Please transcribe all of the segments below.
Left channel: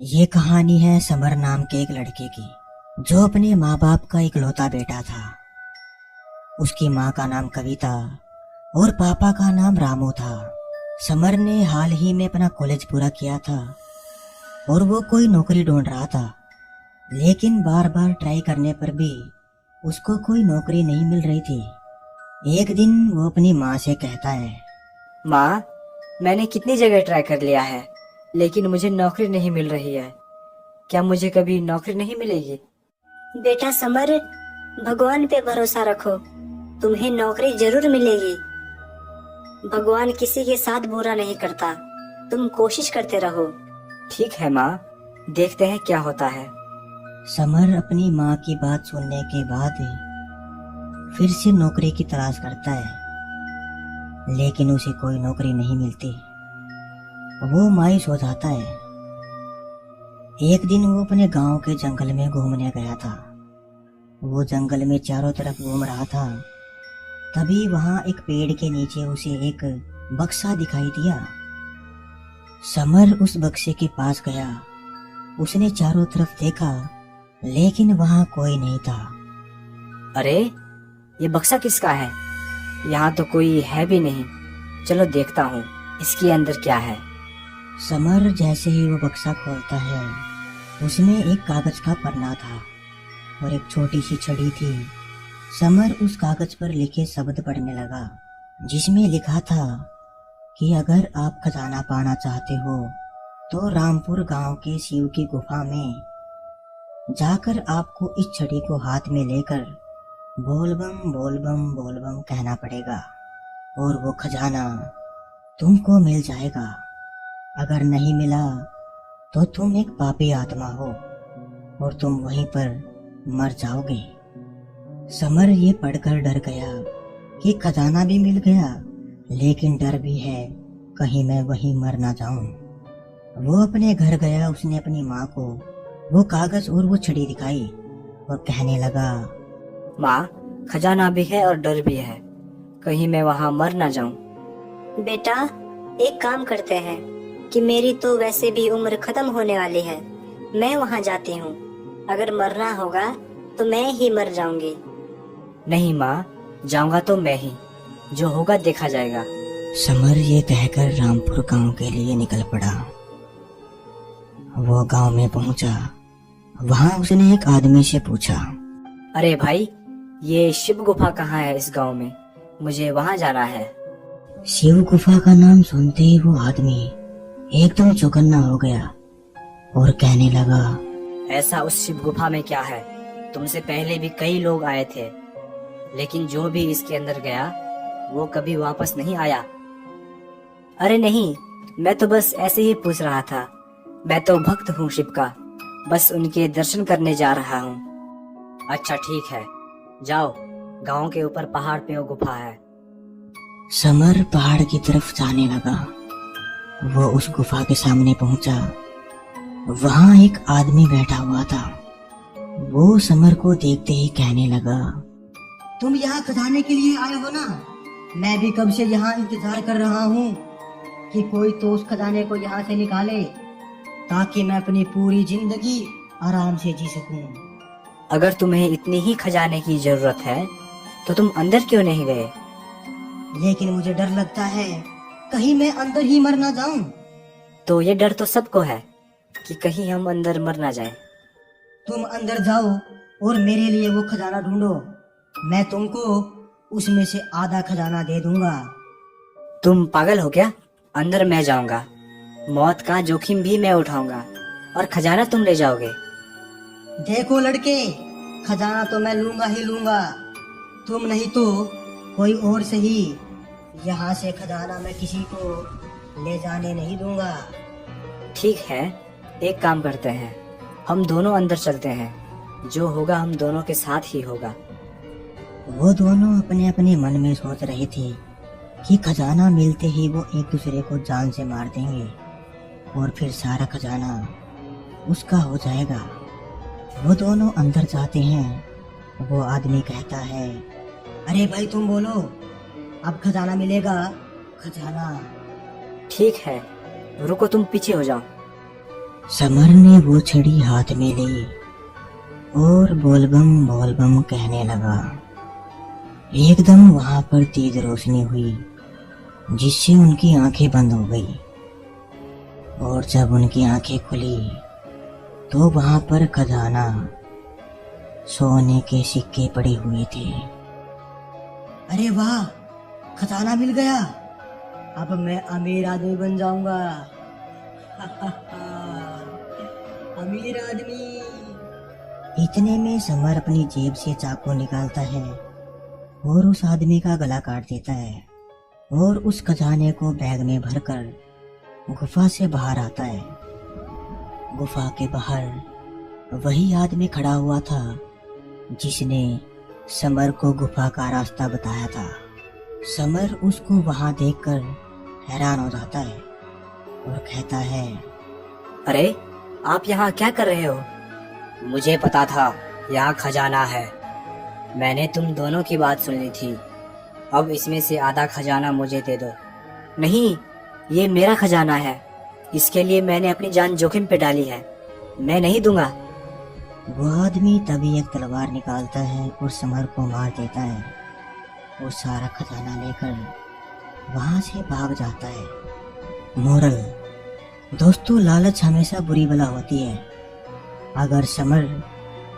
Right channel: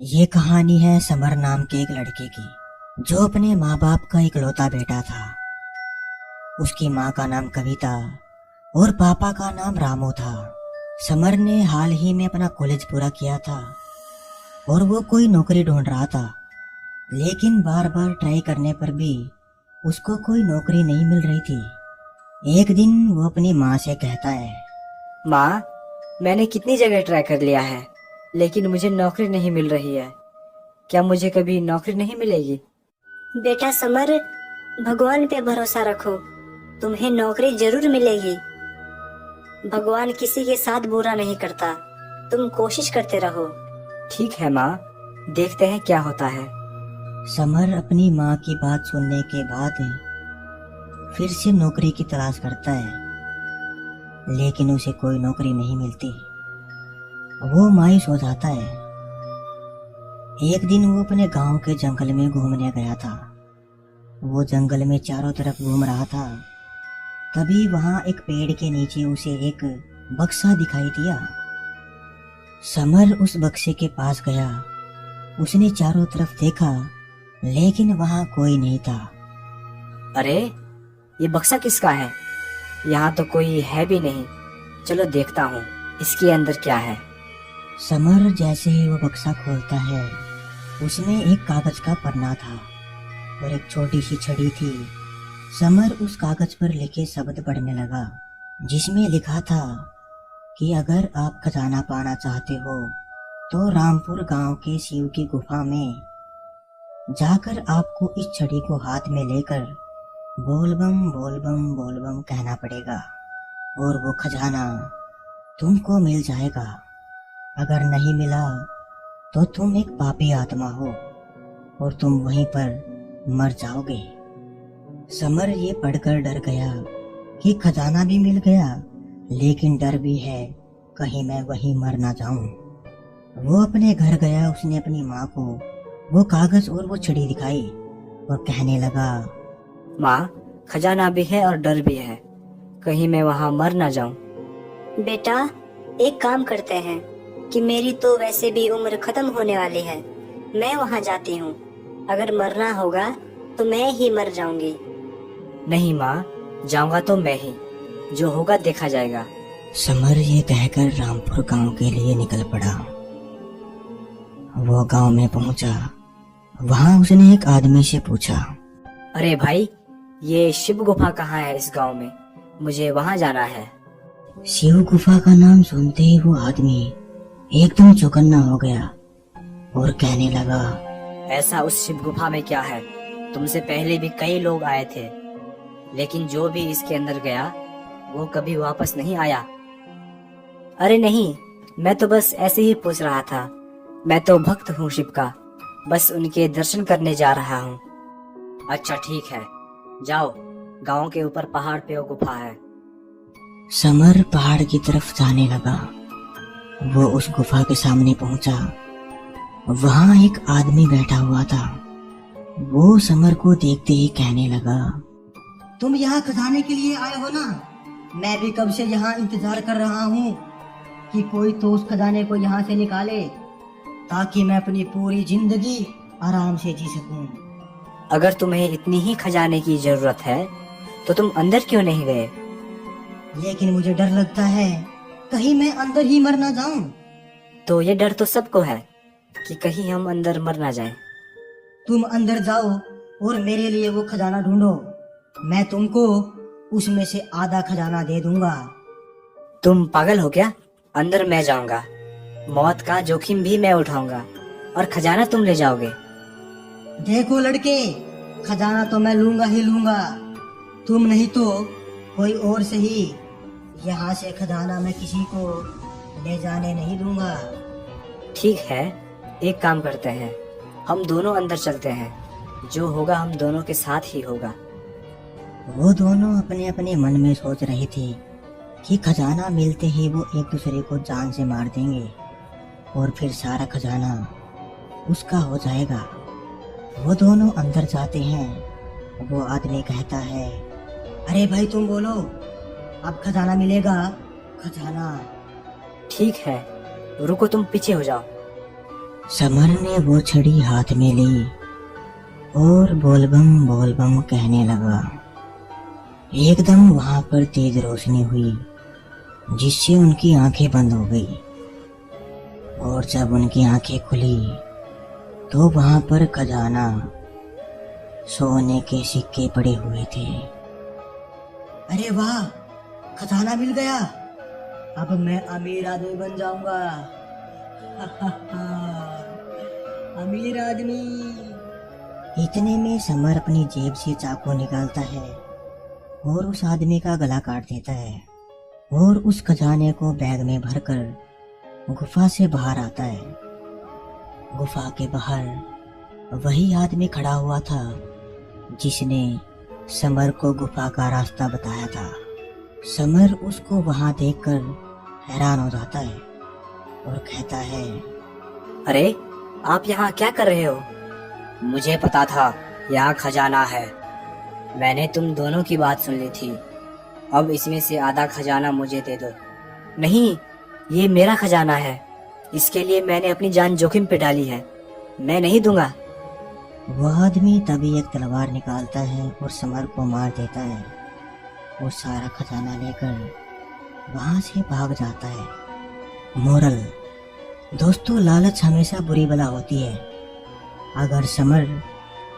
ये कहानी है समर नाम के एक लड़के की, जो अपने माँ बाप का इकलौता बेटा था। उसकी माँ का नाम कविता और पापा का नाम रामू था। समर ने हाल ही में अपना कॉलेज पूरा किया था और वो कोई नौकरी ढूंढ रहा था, लेकिन बार बार ट्राई करने पर भी उसको कोई नौकरी नहीं मिल रही थी। एक दिन वो अपनी माँ से कहता है, माँ, मैंने कितनी जगह ट्राई कर लिया है, लेकिन मुझे नौकरी नहीं मिल रही है। क्या मुझे कभी नौकरी नहीं मिलेगी? बेटा समर, भगवान पे भरोसा रखो, तुम्हें नौकरी जरूर मिलेगी। भगवान किसी के साथ बुरा नहीं करता, तुम कोशिश करते रहो। ठीक है माँ, देखते हैं क्या होता है। समर अपनी माँ की बात सुनने के बाद फिर से नौकरी की तलाश करता है, लेकिन उसे कोई नौकरी नहीं मिलती। वो मायूस हो जाता है। एक दिन वो अपने गांव के जंगल में घूमने गया था। वो जंगल में चारों तरफ घूम रहा था, तभी वहां एक पेड़ के नीचे उसे एक बक्सा दिखाई दिया। समर उस बक्से के पास गया। उसने चारों तरफ देखा, लेकिन वहां कोई नहीं था। अरे, ये बक्सा किसका है? यहाँ तो कोई है भी नहीं। चलो देखता हूँ इसके अंदर क्या है। समर जैसे ही वो बक्सा खोलता है, उसमें एक कागज का पन्ना था और एक छोटी सी छड़ी थी। समर उस कागज पर लिखे शब्द पढ़ने लगा, जिसमें लिखा था कि अगर आप खजाना पाना चाहते हो तो रामपुर गांव के शिव की गुफा में जाकर आपको इस छड़ी को हाथ में लेकर बोल बम बोल बम बोल बम कहना पड़ेगा और वो खजाना तुमको मिल जाएगा। अगर नहीं मिला तो तुम एक पापी आत्मा हो और तुम वहीं पर मर जाओगे। समर ये पढ़कर डर गया कि खजाना भी मिल गया, लेकिन डर भी है कहीं मैं वहीं मर ना जाऊं। वो अपने घर गया। उसने अपनी माँ को वो कागज और वो छड़ी दिखाई और कहने लगा, माँ, खजाना भी है और डर भी है, कहीं मैं वहाँ मर ना जाऊं। बेटा, एक काम करते हैं कि मेरी तो वैसे भी उम्र खत्म होने वाली है, मैं वहां जाती हूँ। अगर मरना होगा तो मैं ही मर जाऊंगी। नहीं माँ, जाऊंगा तो मैं ही, जो होगा देखा जाएगा। समर ये कहकर रामपुर गांव के लिए निकल पड़ा। वो गांव में पहुंचा। वहां उसने एक आदमी से पूछा, अरे भाई, ये शिव गुफा कहाँ है इस गांव में? मुझे वहां जाना है। शिव गुफा का नाम सुनते ही वो आदमी एकदम चौकन्ना हो गया और कहने लगा, ऐसा उस शिव गुफा में क्या है? तुमसे पहले भी कई लोग आए थे, लेकिन जो भी इसके अंदर गया वो कभी वापस नहीं आया। अरे नहीं, मैं तो बस ऐसे ही पूछ रहा था। मैं तो भक्त हूँ शिव का, बस उनके दर्शन करने जा रहा हूँ। अच्छा ठीक है, जाओ, गांव के ऊपर पहाड़ पे वो गुफा है। समर पहाड़ की तरफ जाने लगा। वो उस गुफा के सामने पहुंचा। वहां एक आदमी बैठा हुआ था। वो समर को देखते ही कहने लगा, तुम यहाँ खजाने के लिए आए हो ना? मैं भी कब से यहाँ इंतजार कर रहा हूँ कि कोई तो उस खजाने को यहाँ से निकाले, ताकि मैं अपनी पूरी जिंदगी आराम से जी सकूं। अगर तुम्हें इतनी ही खजाने की जरूरत है तो तुम अंदर क्यों नहीं गए? लेकिन मुझे डर लगता है कहीं मैं अंदर ही मर ना जाऊं। तो ये डर तो सबको है कि कहीं हम अंदर मर ना जाएं। तुम अंदर जाओ और मेरे लिए वो खजाना ढूंढो। मैं तुमको उसमें से आधा खजाना दे दूंगा। तुम पागल हो क्या? अंदर मैं जाऊंगा, मौत का जोखिम भी मैं उठाऊंगा और खजाना तुम ले जाओगे। देखो लड़के, खजाना तो मैं लूंगा ही लूंगा। तुम नहीं तो कोई और सही, यहाँ से खजाना मैं किसी को ले जाने नहीं दूंगा। ठीक है, एक काम करते हैं, हम दोनों अंदर चलते हैं। जो होगा हम दोनों के साथ ही होगा। वो दोनों अपने अपने मन में सोच रहे थे कि खजाना मिलते ही वो एक दूसरे को जान से मार देंगे और फिर सारा खजाना उसका हो जाएगा। वो दोनों अंदर जाते हैं। वो आदमी कहता है, अरे भाई तुम बोलो, अब खजाना मिलेगा? खजाना। ठीक है, रुको, तुम पीछे हो जाओ। समर ने वो छड़ी हाथ में ली और बोलबम कहने लगा। एकदम वहां पर तेज रोशनी हुई जिससे उनकी आंखें बंद हो गई और जब उनकी आंखें खुली तो वहां पर खजाना सोने के सिक्के पड़े हुए थे। अरे वाह, खजाना मिल गया, अब मैं अमीर आदमी बन जाऊंगा। अमीर आदमी। इतने में समर अपनी जेब से चाकू निकालता है और उस आदमी का गला काट देता है और उस खजाने को बैग में भरकर गुफा से बाहर आता है। गुफा के बाहर वही आदमी खड़ा हुआ था जिसने समर को गुफा का रास्ता बताया था। समर उसको वहां देखकर हैरान हो जाता है और कहता है, अरे आप यहाँ क्या कर रहे हो? मुझे पता था यहाँ खजाना है। मैंने तुम दोनों की बात सुन ली थी। अब इसमें से आधा खजाना मुझे दे दो। नहीं, ये मेरा खजाना है। इसके लिए मैंने अपनी जान जोखिम पे डाली है। मैं नहीं दूंगा। वह आदमी तभी एक तलवार निकालता है और समर को मार देता है और सारा खजाना लेकर वहां से भाग जाता है। मोरल: दोस्तों, लालच हमेशा बुरी बला होती है। अगर समर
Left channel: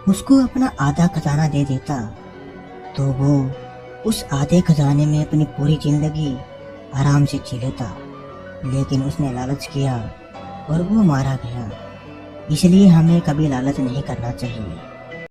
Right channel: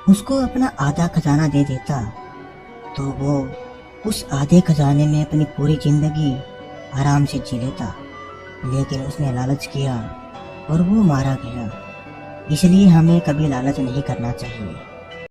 उसको अपना आधा खजाना दे देता तो वो उस आधे खजाने में अपनी पूरी जिंदगी आराम से जी लेता, लेकिन उसने लालच किया और वो मारा गया। इसलिए हमें कभी लालच नहीं करना चाहिए।